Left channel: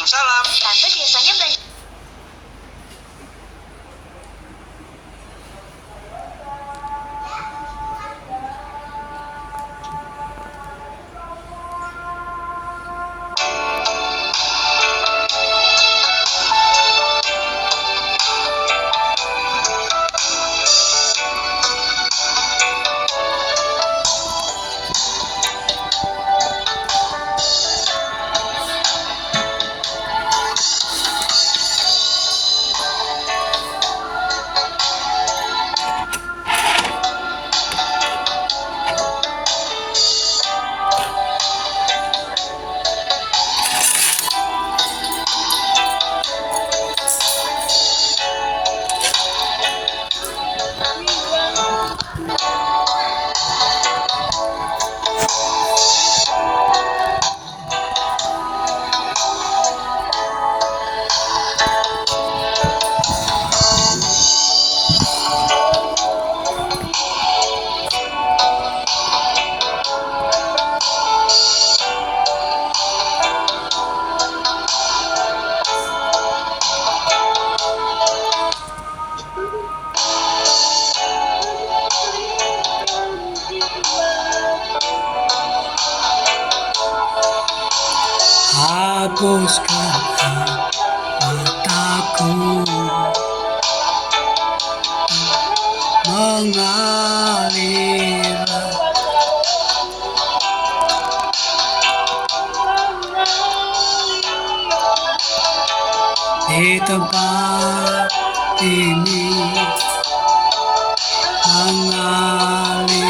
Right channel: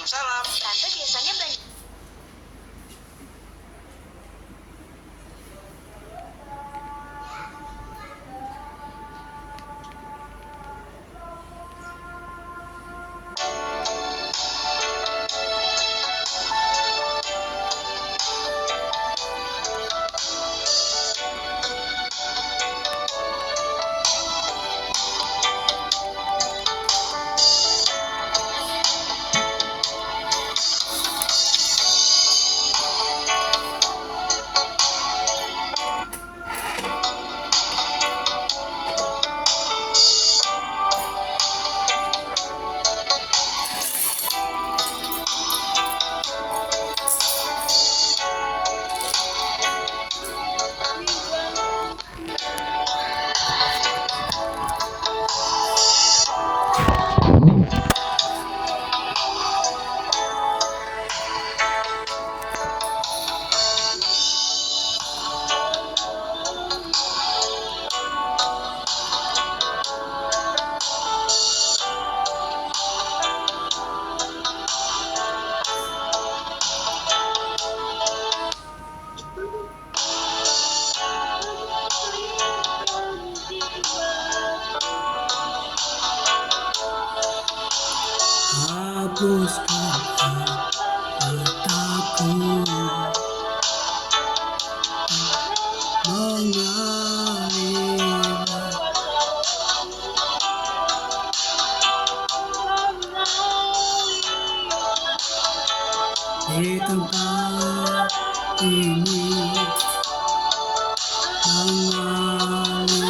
Waalaikumsalam. Tante biasanya belanja. Hapuskan mataku mengalir di tempat ini, mengalirlah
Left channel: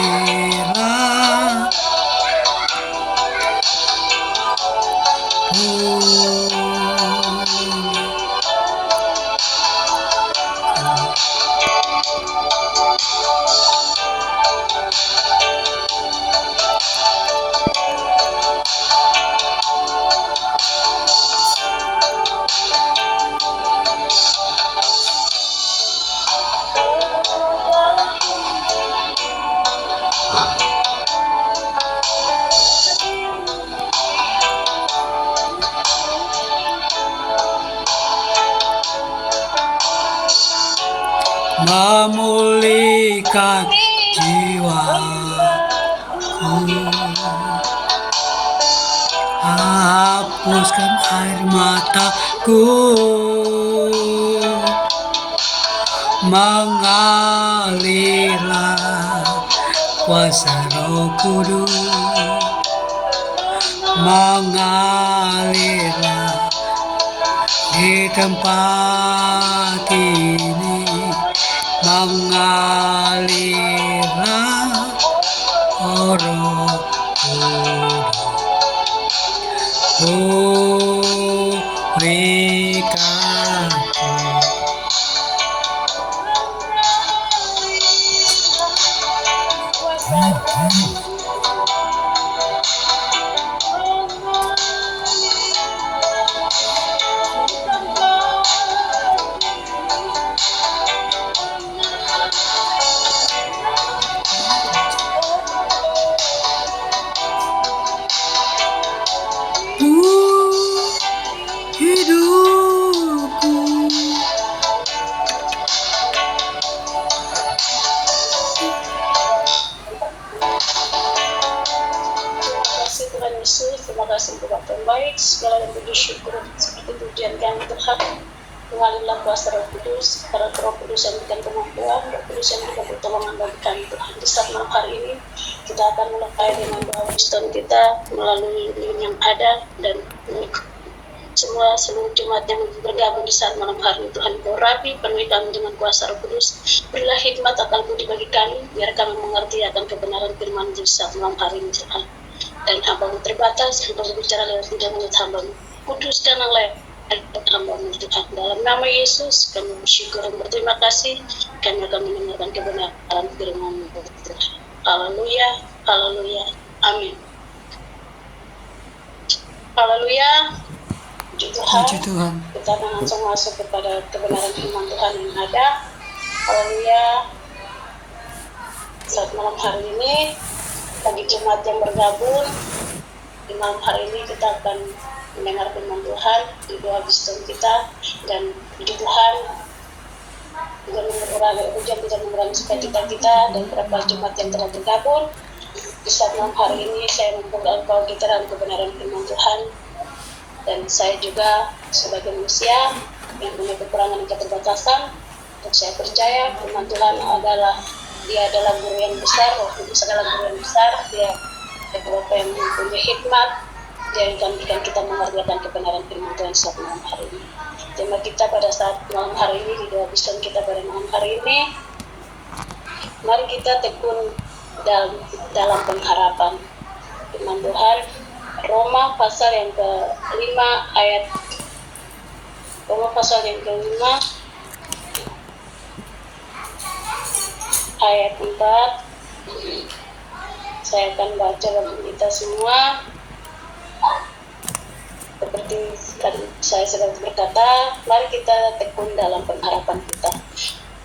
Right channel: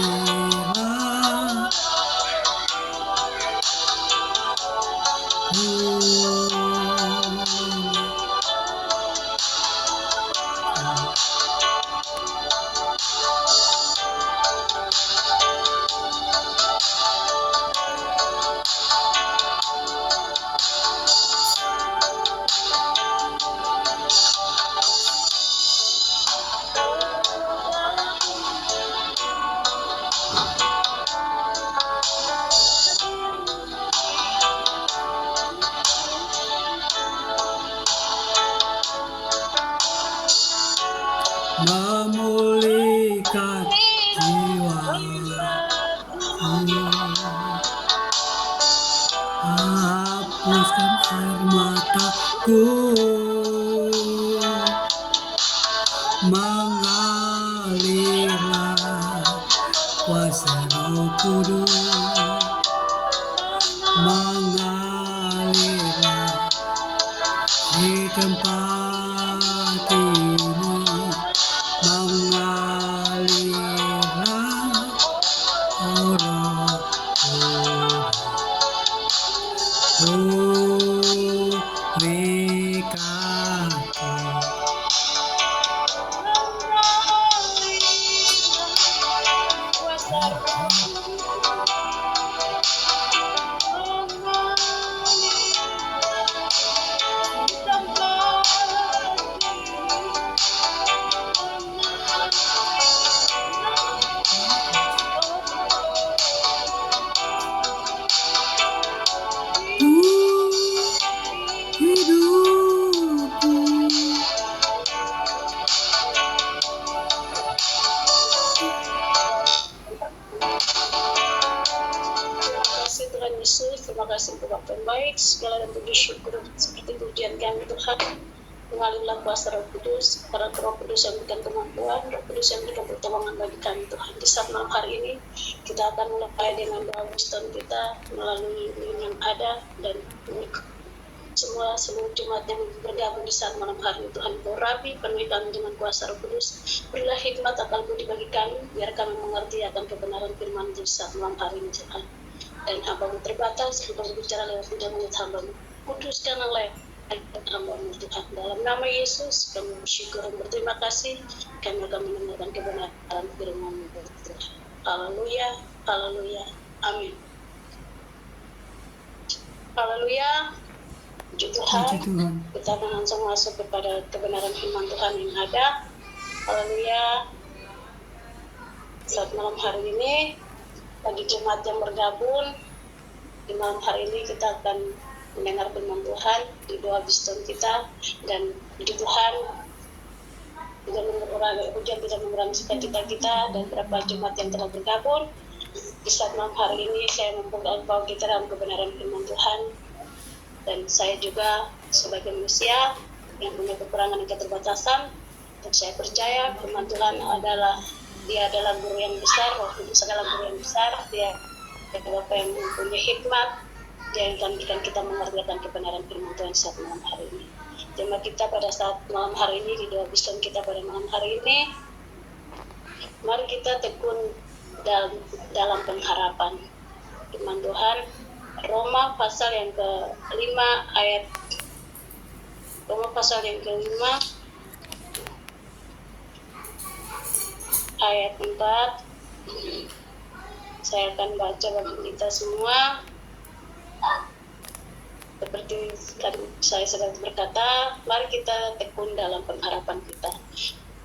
memulihkan jiwaku, hapuskan air mataku, mengalirlah kuasa Roh Kudus, mengalirlah di tempat ini, mengalirlah Roh Kudus, pulihkanku. Hidupku Tuhan Yesus, terima kasih untuk Bapak yang baik, segala yang puji syukur seperti pujian kami Tuhan. Mengalirlah kuasa Roh Kudus, para Roh Kudus yang berikan kemampuan, Roh Kudus yang berikan pertolongan bagi kami Tuhan. Di saat malam hari ini kita akan mulai dengan doa wisdom kita melalui link yang ada, dan semua seluruh jemaat yang bergabung di saat malam hari ini Tuhan, Kau rapi, penuhi kami dengan kuasa Roh Kudus. Berilah hikmat akal budi bagi kami, biar kami mengerti akan kebenaran firman di saat malam hari ini Tuhan. Dan hamba-Mu terbatas, Engkau berbicara lewat lidah mulut hamba-Mu. Kuduskanlah lewat hamba-Mu Tuhan. Dalam nama Yesus kami bersyukur dan berterima kasih. Kami akan mendengarkan kebenaran firman-Mu Tuhan. Haleluya, haleluya, amin. Haleluya. Puji Tuhan. Kita akan langsung masuk kepada kebenaran firman Tuhan yang ada. Haleluya. Saat malam hari ini, bagi jemaat yang bergabung di malam hari ini, kita akan mendengar firman Tuhan, berdoa wisdom kita, dan puji Tuhan hujan tidak mengurangi sukacita kita, dan berapa jemaat yang telah bergabung. Di saat malam hari ini saya membuka engkau kita dalam kebenaran firman Tuhan, dan saya juga sebagai manusia yang punya kekurangan dan keterbatasan, dan saya percaya firman Tuhan dia adalah guru yang besar, Roh Kudus adalah guru yang besar, dia Bapa yang mempunyai hikmat, dia akan bikin kita mengerjakan kebenaran firman Tuhan saat malam hari ini. Tema kita pada saat malam hari ini, di doa bisaan kita pada malam hari ini, mari kita tekun dalam pengharapan firman Tuhan. Roma pasal yang ke-5 ayat 4. Saya akan baca bagi kita semua. Seperti tadi saya sudah berkata, mari kita tekun dalam pengharapan kita.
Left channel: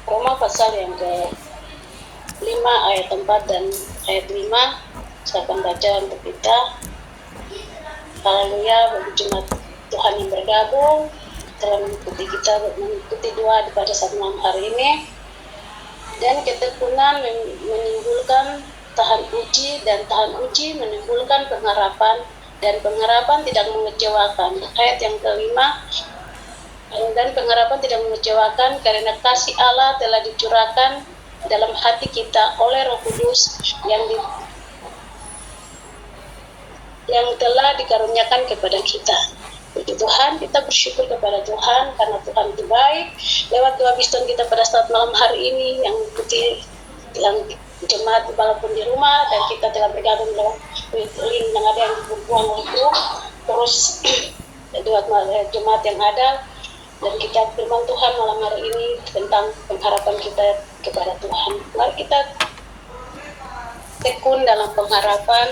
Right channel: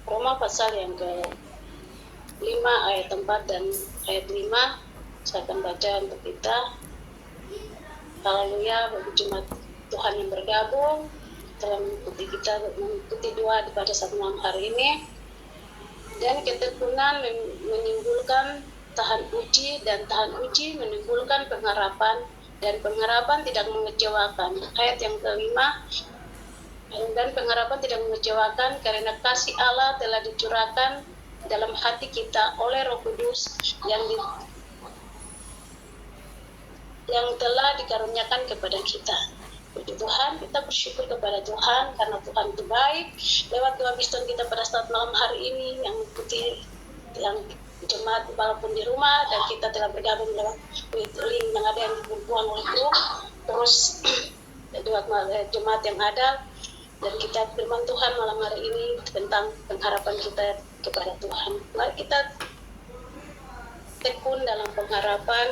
Roma pasal yang ke-5 ayat 4 dan ayat 5. Saya akan baca untuk kita. Haleluya, bagi jemaat Tuhan yang bergabung telah mengikuti doa pada saat malam hari ini. Dan ketekunan menimbulkan tahan uji, dan tahan uji menimbulkan pengharapan, dan pengharapan tidak mengecewakan. Ayat yang kelima, dan pengharapan tidak mengecewakan karena kasih Allah telah dicurahkan dalam hati kita oleh Roh Kudus yang telah dikaruniakan kepada kita. Puji Tuhan, kita bersyukur kepada Tuhan karena Tuhan itu baik. Lewat doa biston kita pada saat malam hari ini yang jemaat walaupun di rumah, dan kita telah bergabung lewat link yang ada yang berbuang itu, terus dua jemaat yang ada, dan kita firman Tuhan malam hari ini tentang pengharapan kita kepada Tuhan. Mari kita tekun dalam pengharapan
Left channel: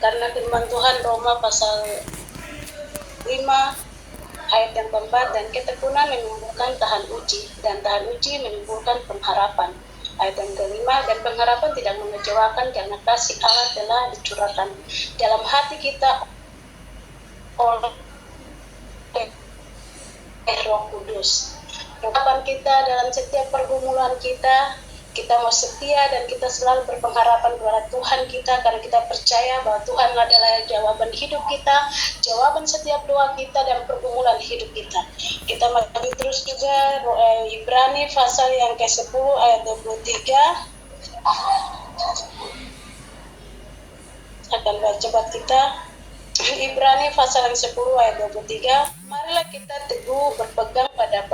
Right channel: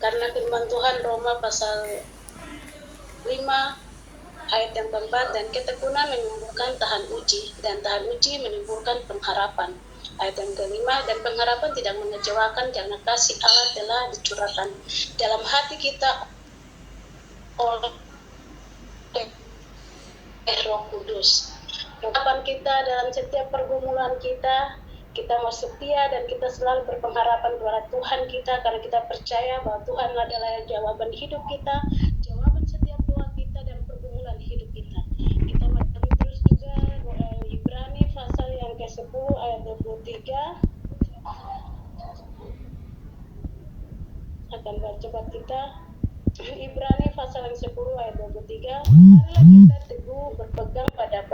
karena firman Tuhan Roma pasal 5 ayat yang keempat, dan ketekunan menimbulkan tahan uji, dan tahan uji menimbulkan pengharapan. Ayat yang kelima, dan pengharapan tidak mengecewakan karena kasih Allah telah dicurahkan dalam hati kita oleh Roh Kudus. Harapan kita dalam setiap pergumulan kita mau setia, dan kita selalu berpengharapan kepada Tuhan kita karena kita percaya bahwa Tuhan adalah jawaban hidup kita, jawaban setiap doa kita dan pergumulan hidup kita. Kita maju terus juga Ibrani pasal yang ke-10 ayat 23. Akan baca buat kita. Ibrani pasal yang 10 ayat 23. Marilah kita teguh berpegang pada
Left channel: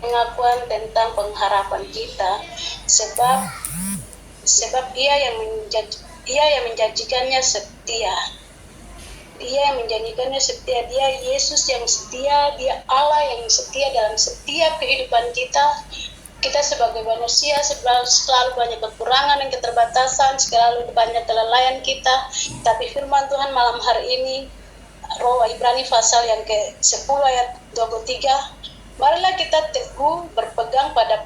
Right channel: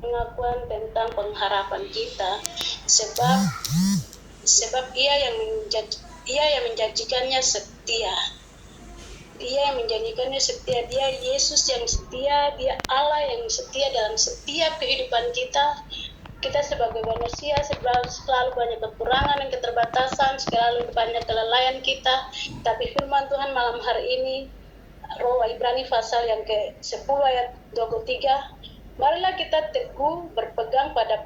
pengakuan tentang pengharapan kita, sebab ia yang menjanjikannya setia. Dia yang menjanjikannya setia, dia Yesus yang setia, dia Allah yang setia dalam setiap kehidupan kita. Kita sebagai manusia selalu banyak kekurangan dan keterbatasan, selalu banyak kelalaian kita, tapi firman Tuhan malam hari ini, Ibrani pasal yang ke-10 ayat 23, marilah kita teguh berpegang pada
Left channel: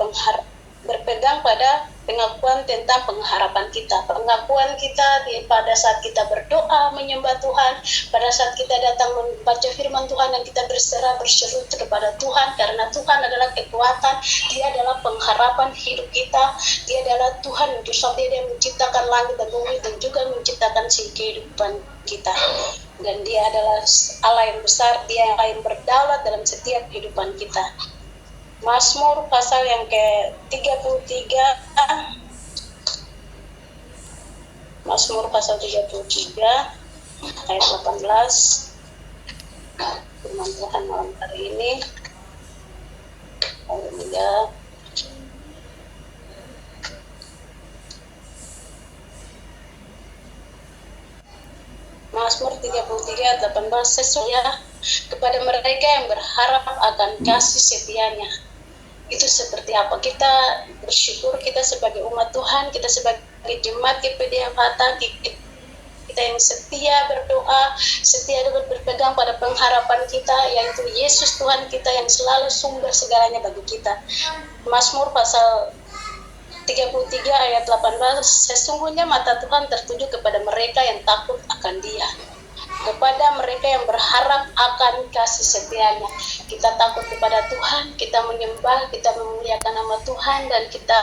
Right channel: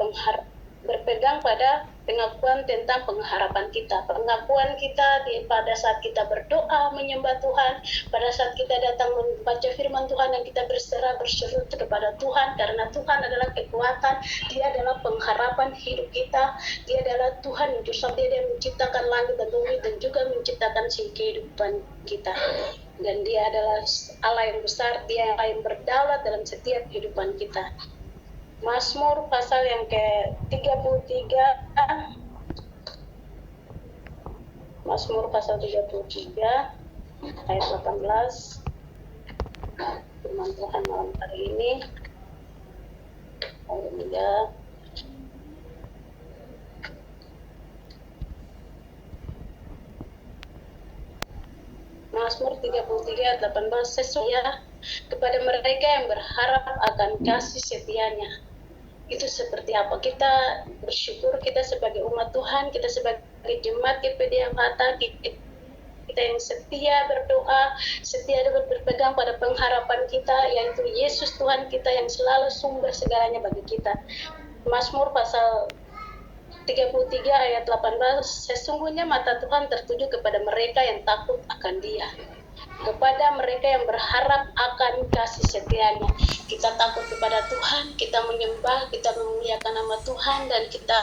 pengakuan tentang pengharapan kita. Pengakuan kita pada saat kita berdoa menyembah Tuhan, pada saat kita datang membaca firman Tuhan dan kita berseru kepada Tuhan, karena Tuhan adalah kekuatan, dia adalah pengharapan hidup kita, dia adalah Tuhan itu sampai dia menciptakan langit dan bumi dan juga menciptakan kehidupan kita. Dan dia adalah Allah yang besar, dia yang berdaulat dalam setiap kehidupan kita. Mazmur pasal yang ke-33, Mazmur pasal 33 ayat 18. Firman Tuhan malam hari ini. Haleluya. Mazmur 33 ayat 18, sesungguhnya kepada mereka yang berharap akan kasih setianya. Itu seperti apa? Kita bersyukur, kita sebagai umat Tuhan, kita sebagai jemaat GPD Fata, kita yang setia berdoa, setia berpegang pada pengharapan kita, yaitu Yesus Tuhan kita yang selalu sumber segalanya bagi kita. Mazmur pasal 33 ayat 18, sesungguhnya mata Tuhan tertuju kepada mereka yang takut akan Dia. kepada mereka yang berharap akan kasih setianya. Kita takut kepada Tuhan, kita menyembah, kita memuliakan nama Tuhan, dan kita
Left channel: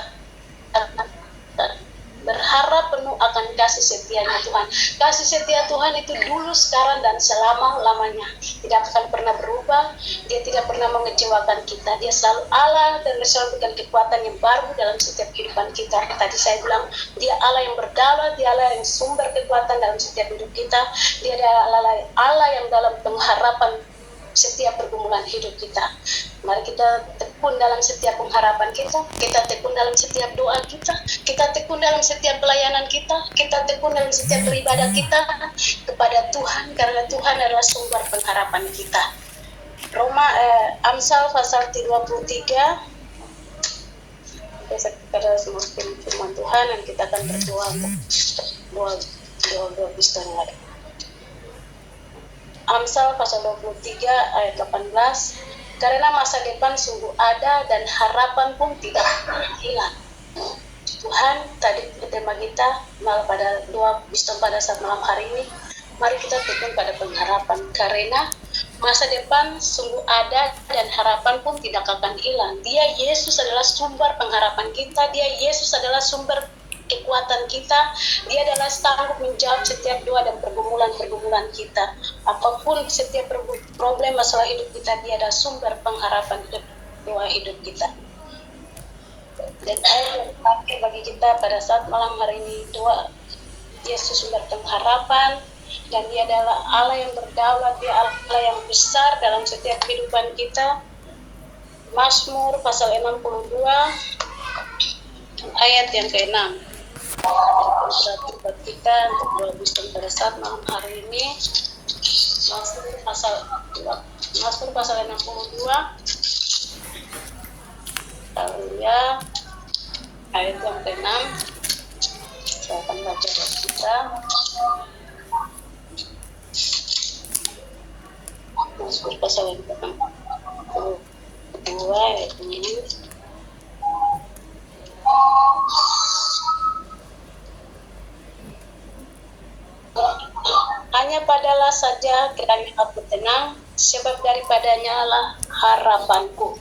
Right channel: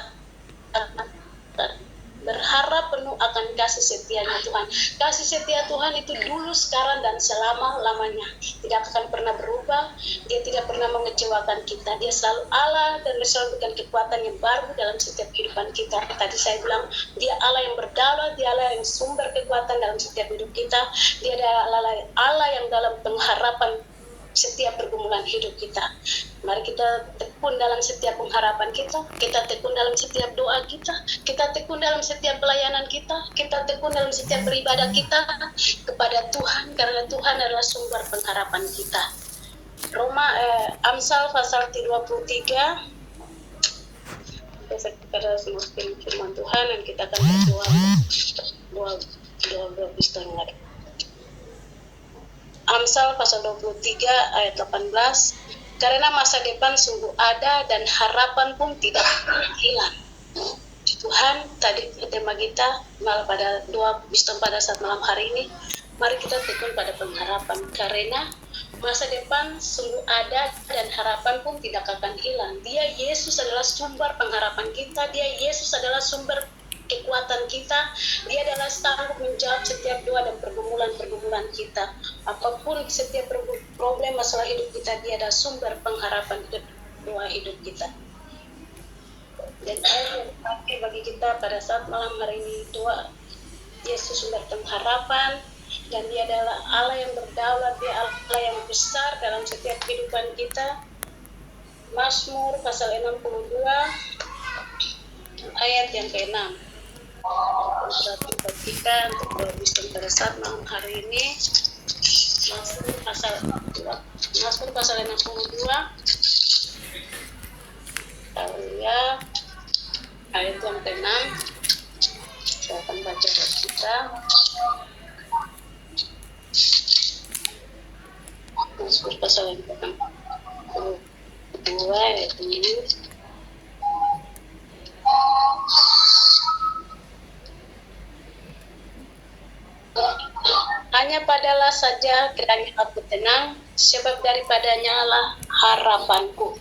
berharap penuh akan kasih setianya Tuhan. Kasih setia Tuhan itu dulu, sekarang, dan selama-lamanya. Tidak akan pernah berubah. Dia tidak pernah mengecewakan kita. Dia selalu Allah, dan selalu berikan kekuatan yang baru dalam setiap kehidupan kita. Tadi saya bilang, dia Allah yang berdaulat, dia Allah yang sumber kekuatan dalam setiap hidup kita. Dia adalah Allah yang dalam pengharapan setiap pergumulan hidup kita. Mari kita tekun dalam setiap pengharapan kita tekun dalam setiap doa kita tekun dalam setiap pelayanan kita tekun dalam setiap beribadah kita kepada Tuhan, karena Tuhan adalah sumber pengharapan kita. Amsal pasal 23, kita semua firman Tuhan, dan kita akan berdoa dua Kristen lagi. Amsal pasal 23 ayat 18, karena masa depan sungguh ada dan harapan pun tidak hilang. Tuhan, tadi tema kita malah pada doa Kristen pada saat malam hari ini, mari kita tekun pada pengharapan, karena masa depan sungguh ada dan harapan pun tidak akan hilang. Dia Yesus adalah sumber pengharapan kita, dia Yesus adalah sumber kekuatan kita, dia adalah sanggup menjawab setiap doa dan pergumulan kita. Apapun setiap problem masalah hidup kita, dia adalah sumber pengharapan doa hidup kita. Dan ayat yang terakhir bagi kita pada saat malam hari ini, doa Yesus sumber pengharapan, dan dia adalah Allah yang berdaulat, dia Allah yang besar dalam setiap kehidupan kita. Mazmur pasal 62 ayat yang ke-6. Buat kita untuk lebih pada saat malam hari ini. Mazmur pasal 62 Haleluya, ayat yang ke-6. Saya akan baca buat kita. Mazmur pasal yang ke-62 ayat ini. Hanya padalah saja kiranya aku tenang, sebab daripadanya lah harapanku.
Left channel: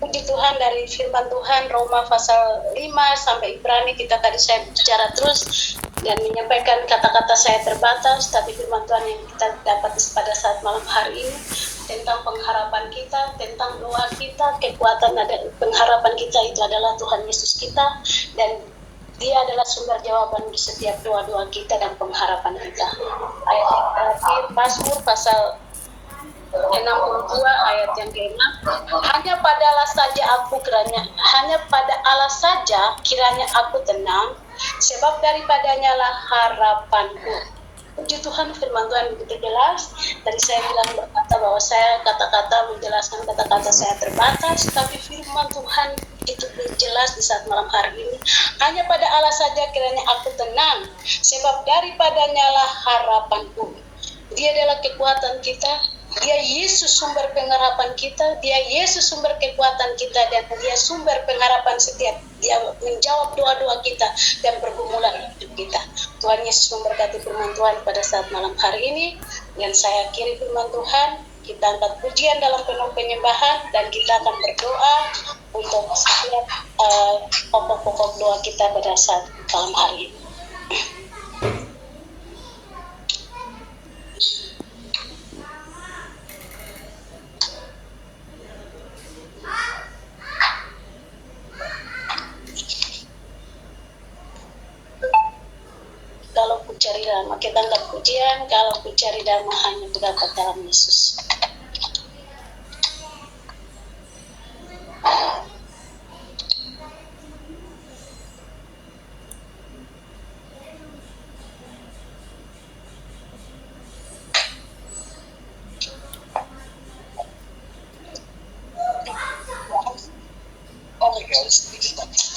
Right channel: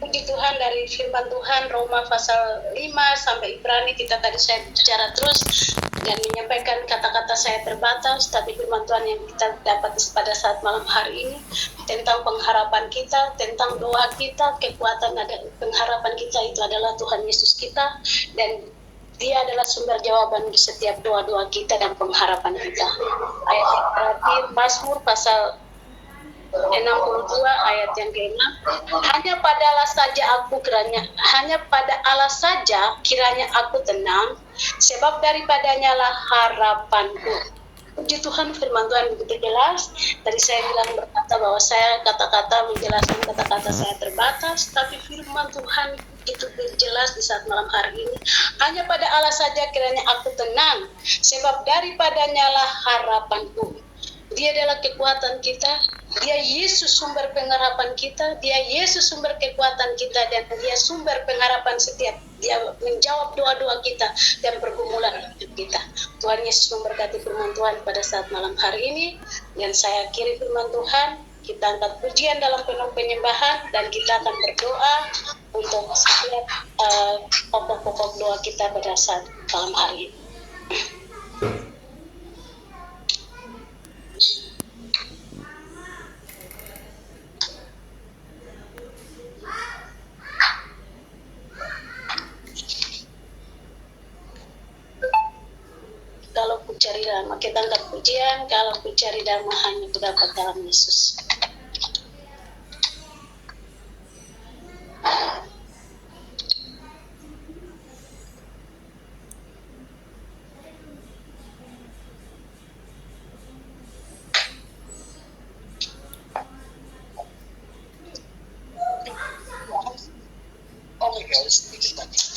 Puji Tuhan, dari firman Tuhan Roma pasal 5 sampai Ibrani, kita tadi saya bicara terus dan menyampaikan kata-kata saya terbatas, tapi firman Tuhan yang kita dapat pada saat malam hari ini tentang pengharapan kita, tentang doa kita, kekuatan pengharapan kita itu adalah Tuhan Yesus kita, dan dia adalah sumber jawaban di setiap doa-doa kita dan pengharapan kita. Ayat yang terakhir, Mazmur pasal 62 ayat yang ke-6, hanya pada Allah saja kiranya aku tenang, sebab daripadanya lah harapanku. Puji Tuhan, firman Tuhan begitu jelas. Tadi saya bilang berkata bahwa saya kata-kata menjelaskan kata-kata saya terbatas, tapi firman Tuhan itu jelas di saat malam hari ini. Hanya pada Allah saja kiranya aku tenang, sebab daripadanya lah harapanku. Dia adalah kekuatan kita, dia Yesus sumber pengharapan kita, dia Yesus sumber kekuatan kita, dan dia sumber pengharapan setiap dia menjawab doa-doa kita dan pergumulan hidup kita. Tuhan Yesus memberkati firman Tuhan pada saat malam hari ini, dan saya akhiri firman Tuhan. Kita angkat pujian dalam penuh penyembahan, dan kita akan berdoa untuk setiap pokok-pokok doa kita pada saat malam hari ini. Kalau ku cari damai, kita angkat pujian. Kalau ku cari damai, hanya terdapat dalam Yesus.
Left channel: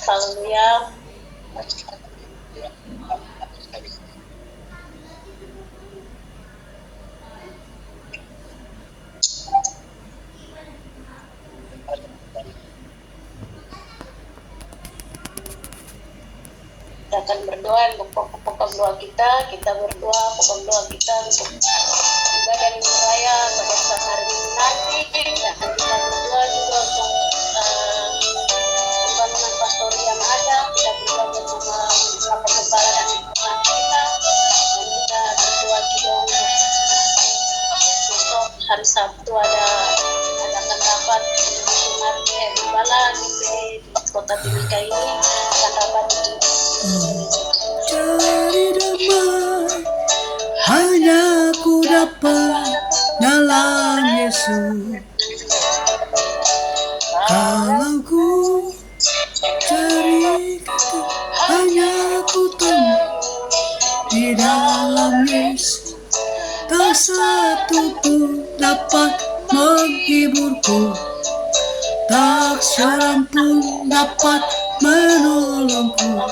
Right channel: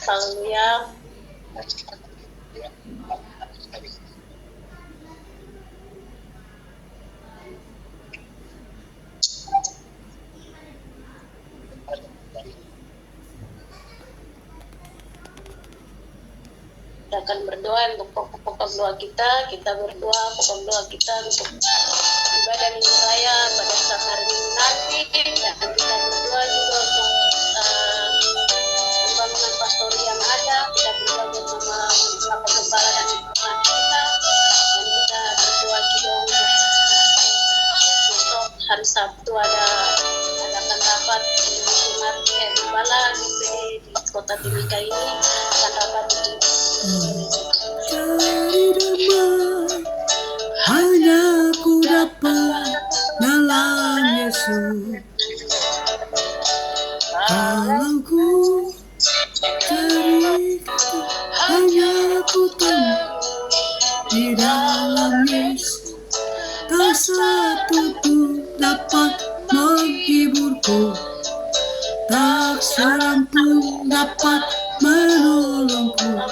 Haleluya. Kita akan berdoa untuk pokok-pokok doa kita berdoa pokok doa kita untuk ibadah minggu raya pada saat hari Minggu nanti. Dan kita berdoa juga untuk pembangunan pastori yang ada, kita berdoa bersama Bapak Gembala dan teman kita, dan kita berdoa juga untuk besok hari Sabtu adakan rapat Gembala di kota Timika ini, akan rapat di Cari damai hanya ku dapat dalam Yesus. Kalau ku cari kata hanya ku temu di dalam Yesus. Tak satu pun dapat menghiburku, tak seorang pun dapat menolongku.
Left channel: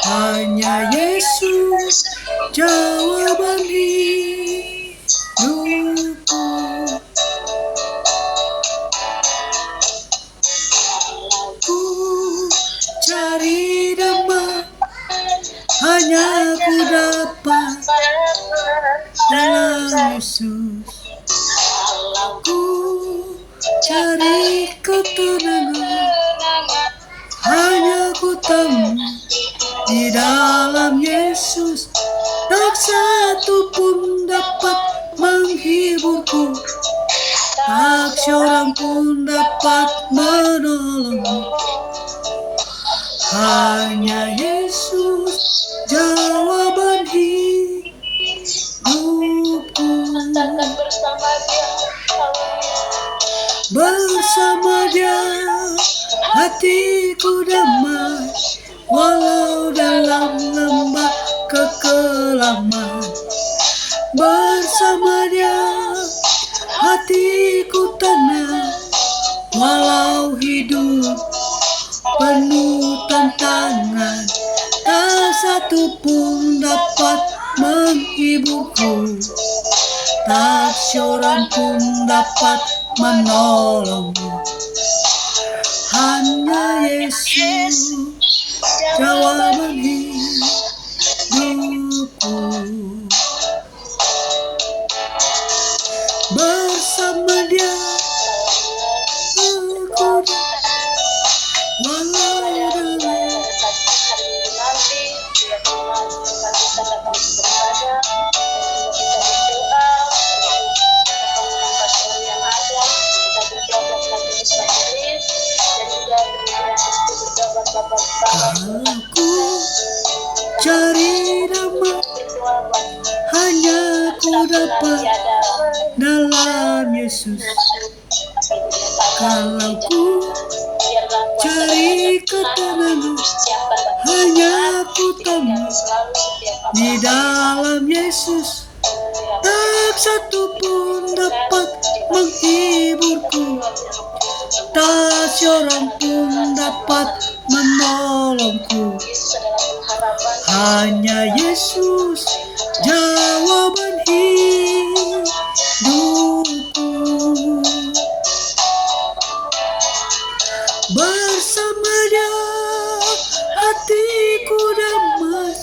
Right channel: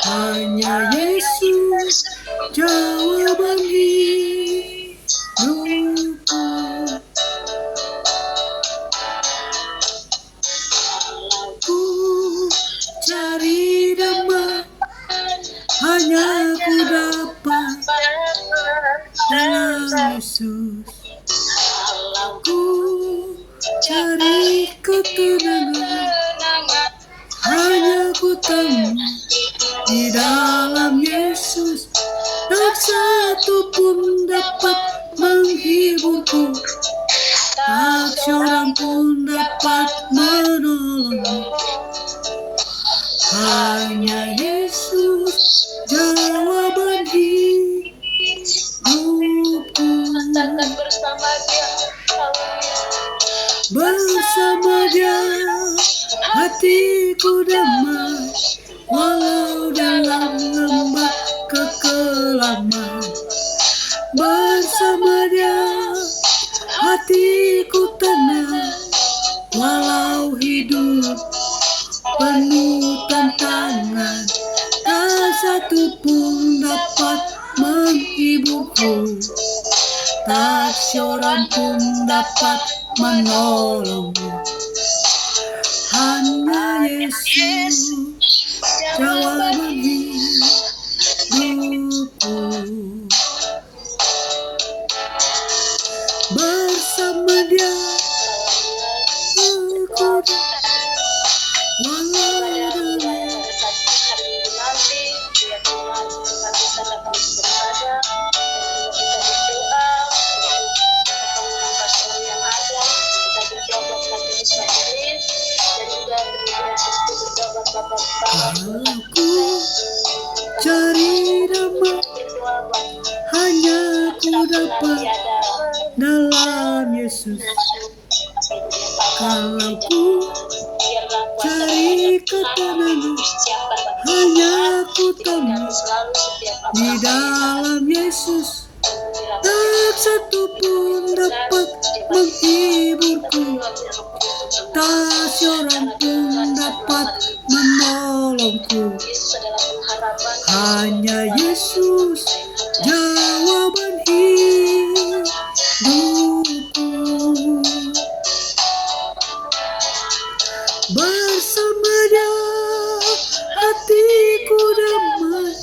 Hanya Yesus jawaban hidupku. Ku cari damai hanya ku dapat dalam Yesus. Ku cari ketenangan hanya ku temu di dalam Yesus. Tak satu pun dapat menghiburku, tak seorang pun dapat menolongku. Hanya Yesus jawaban hidupku. Bersama Dia hatiku damai, walau dalam lembah kekelaman. Bersama Dia hatiku tenang, walau hidup penuh tantangan. Tak satu pun dapat menghiburku, tak seorang pun dapat menolongku. Hanya Yesus jawaban hidupku. Bersama Dia aku walau dalam aku cari damai hanya ku dapat dalam Yesus. Kalau ku cari ketenangan hanya ku temu di dalam Yesus. Tak satu pun dapat menghiburku, tak seorang pun dapat menolongku. Hanya Yesus jawaban hidupku. Bersama Dia hatiku damai,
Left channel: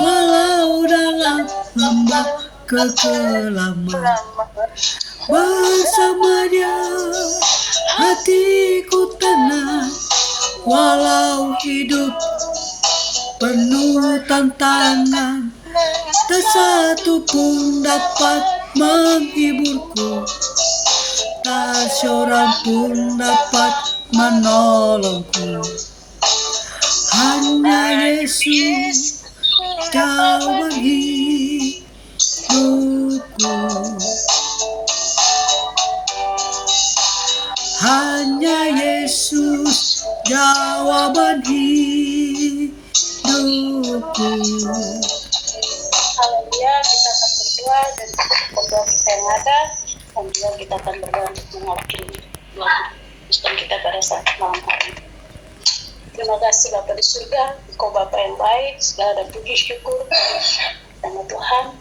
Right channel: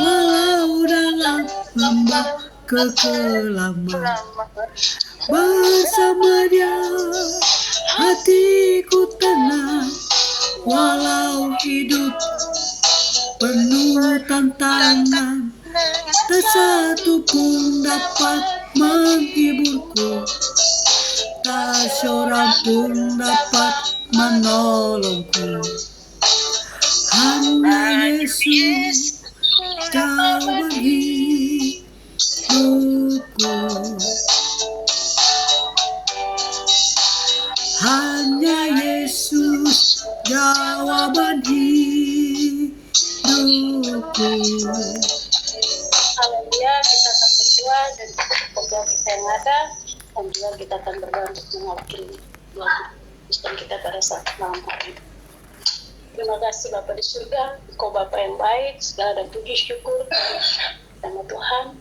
walau dalam lembah kekelaman. Bersama Dia hatiku tenang, walau hidup penuh tantangan. Tak satu pun dapat menghiburku, tak seorang pun dapat menolongku. Hanya Yesus jawaban hidupku. Hanya Yesus jawaban hidupku. Haleluya, kita akan berdoa dan berdoa kita yang ada, dan juga kita akan berdoa untuk mewakili Kristen kita pada saat malam hari. Terima kasih Bapa di surga, Engkau Bapa yang baik, segala dan puji syukur nama Tuhan.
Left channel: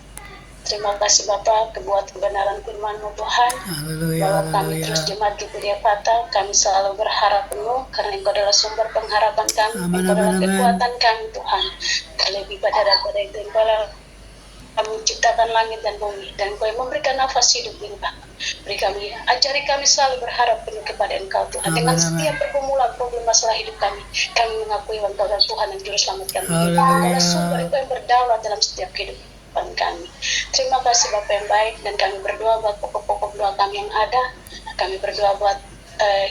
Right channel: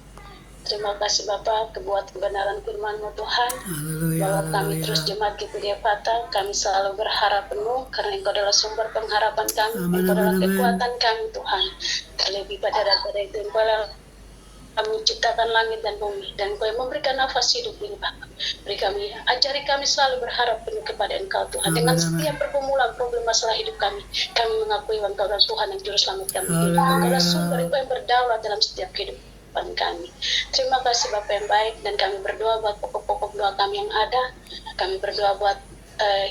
Terima kasih Bapa kebuat kebenaran firman-Mu Tuhan. Haleluya, Bahwa kami haleluya. terus jemaat Gereja Patah, kami selalu berharap penuh karena Engkau adalah sumber pengharapan kami, Amin, Engkau adalah amin, amin. kekuatan kami Tuhan. lebih pada daripada itu Engkau kamu menciptakan langit dan bumi dan Engkau yang memberikan nafas hidup ini Bapa. Beri kami, ajari kami selalu berharap penuh kepada Engkau Tuhan. Dengan setiap pergumulan problem masalah hidup kami mengakui Engkau adalah Tuhan dan Juru Selamat kami. Engkau adalah sumber Engkau yang berdaulat dalam setiap kehidupan kami. Terima kasih Bapa yang baik, dan kami berdoa buat pokok-pokok doa kami yang ada. Kami berdoa buat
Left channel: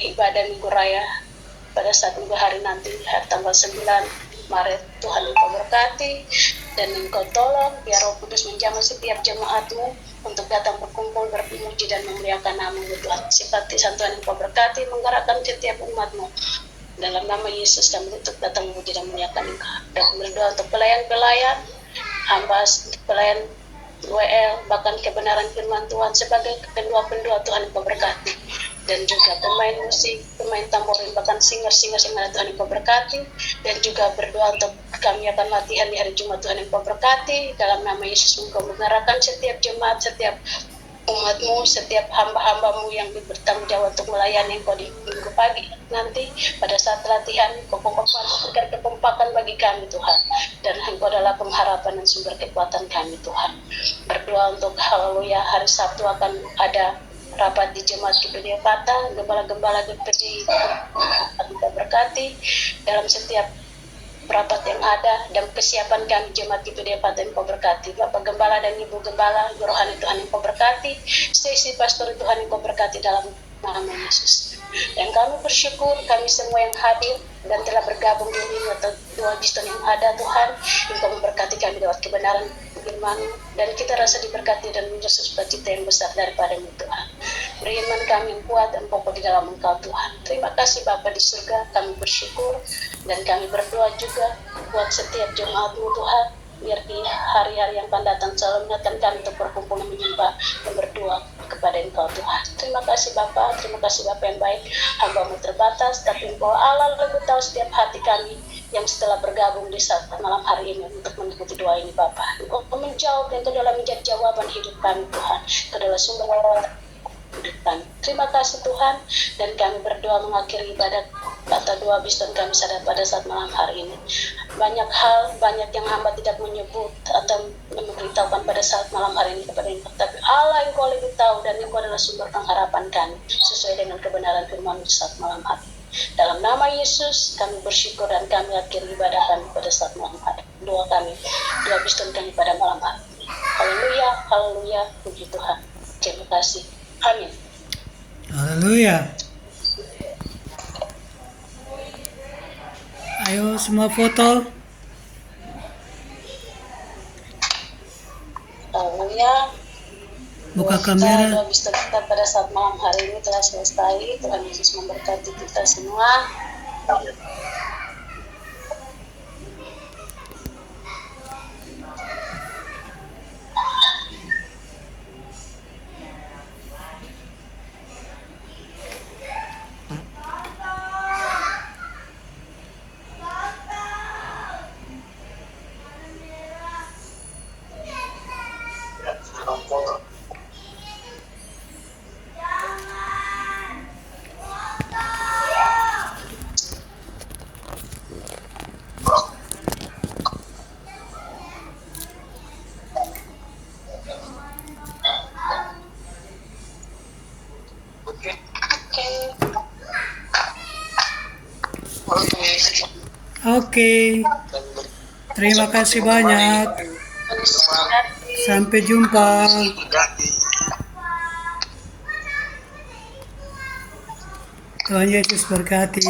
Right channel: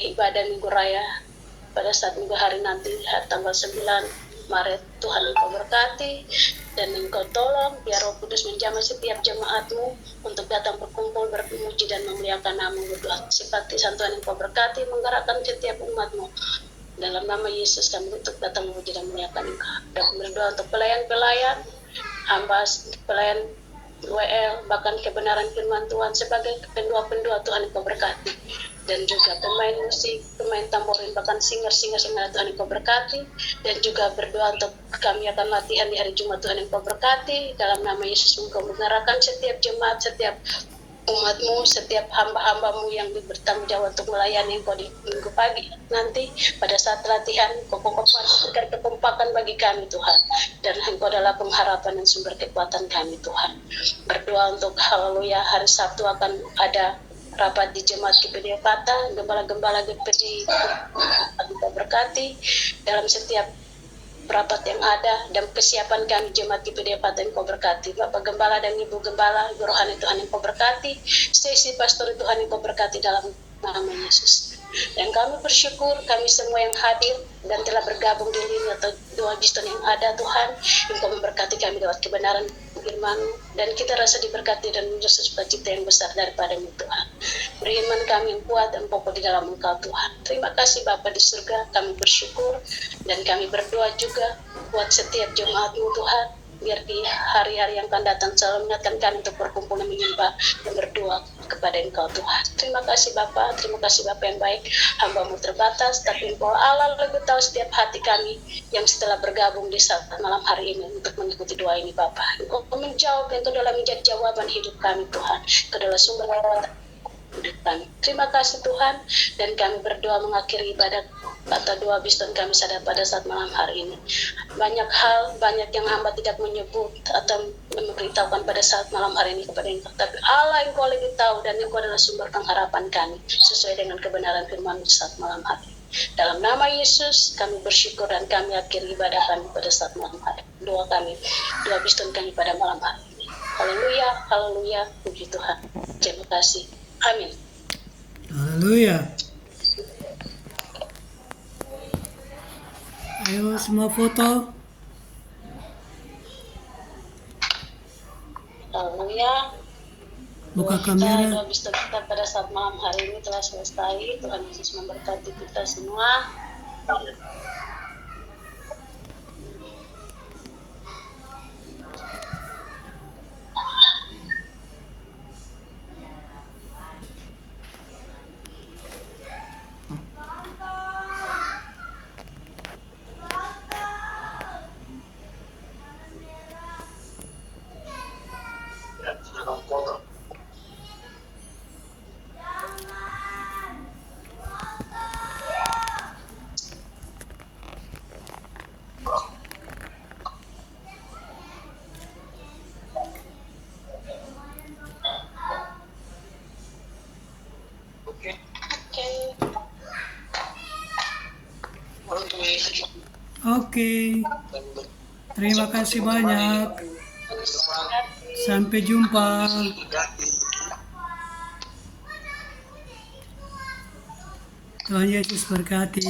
ibadah Minggu Raya pada saat minggu hari nanti tanggal 9 Maret. Tuhan Engkau berkati dan Engkau tolong biar Roh Kudus menjamah setiap jemaat-Mu untuk datang berkumpul berpuji dan memuliakan nama-Mu Tuhan. Sifati Tuhan Engkau berkati menggerakkan setiap umat-Mu. Dalam nama Yesus kami untuk datang memuji dan memuliakan Engkau. Dan berdoa untuk pelayan-pelayan, hamba pelayan WL, bahkan kebenaran firman Tuhan sebagai pendua-pendua Tuhan Engkau berkati. Dan juga pemain musik, pemain tamborin, bahkan singer-singer yang ada Tuhan Engkau berkati. Dan juga berdoa untuk kami akan latihan di hari Jumat Tuhan Engkau berkati. Dalam nama Yesus Engkau mengarahkan setiap jemaat, setiap umat-Mu, setiap hamba-hamba-Mu yang bertanggung jawab untuk melayani Engkau di minggu pagi nanti pada saat latihan. Engkau berikan kekompakan bagi kami Tuhan, dan Engkau adalah pengharapan dan sumber kekuatan kami Tuhan. Berdoa untuk haleluya hari Sabtu akan ada rapat di jemaat GPD Pata, gembala-gembala GPD Engkau berkati dalam setiap rapat yang ada, dan kesiapan kami jemaat GPD Pata Engkau berkati. Bapak Gembala dan Ibu Gembala, Rohani Tuhan Engkau berkati, Stacey Pastor Tuhan Engkau berkati dalam nama Yesus. Dan kami bersyukur kami semua yang hadir dan telah bergabung di lini atau doa Kristen yang ada Tuhan, Engkau memberkati kami lewat kebenaran firman, dan kita rasa diberkati dan menjadi sukacita yang besar daripada-Mu Tuhan. Beri iman kami yang kuat dan kokoh di dalam Engkau Tuhan. Terima kasih Bapa di surga, kami bersyukur dan kami berdoa juga buat setiap jemaat-Mu Tuhan, biar di hari-hari yang akan datang selalu mengingatkan kami untuk berkumpul dan menyembah dan berdoa kepada Engkau Tuhan. Terima kasih Bapa, terima kasih Bapa yang baik. Hamba-Mu terbatas, tapi Engkau Allah lebih tahu setiap hati kami yang setelah bergabung di saat malam hari ini untuk mengikuti doa ini Bapa. Engkau menjawab, Engkau adalah menjadi jawaban hidup kami Tuhan. Engkau adalah sumber kami. Terima kasih Tuhan, dan kami berdoa mengakhiri ibadah atau doa Kristen kami sadar pada saat malam hari ini. Banyak hal, banyak yang hamba tidak menyebut atau memberitahukan pada saat malam hari ini kepada Engkau, tapi Allah Engkau lebih tahu, dan Engkau adalah sumber pengharapan kami sesuai dengan kebenaran firman saat malam hari. Dalam nama Yesus kami bersyukur dan kami akhiri ibadah kami pada saat malam hari. Doa kami, doa Kristen kami pada malam hari ini. Haleluya, haleluya, puji Tuhan. Terima kasih. Amin. Haleluya. Ayo semua foto. Haleluya. Buka kamera. Doa kita pada saat malam hari ini telah selesai. Tuhan Yesus memberkati kita semua. Oke. Terima kasih banyak. Sampai jumpa. Tuhan Yesus berkati.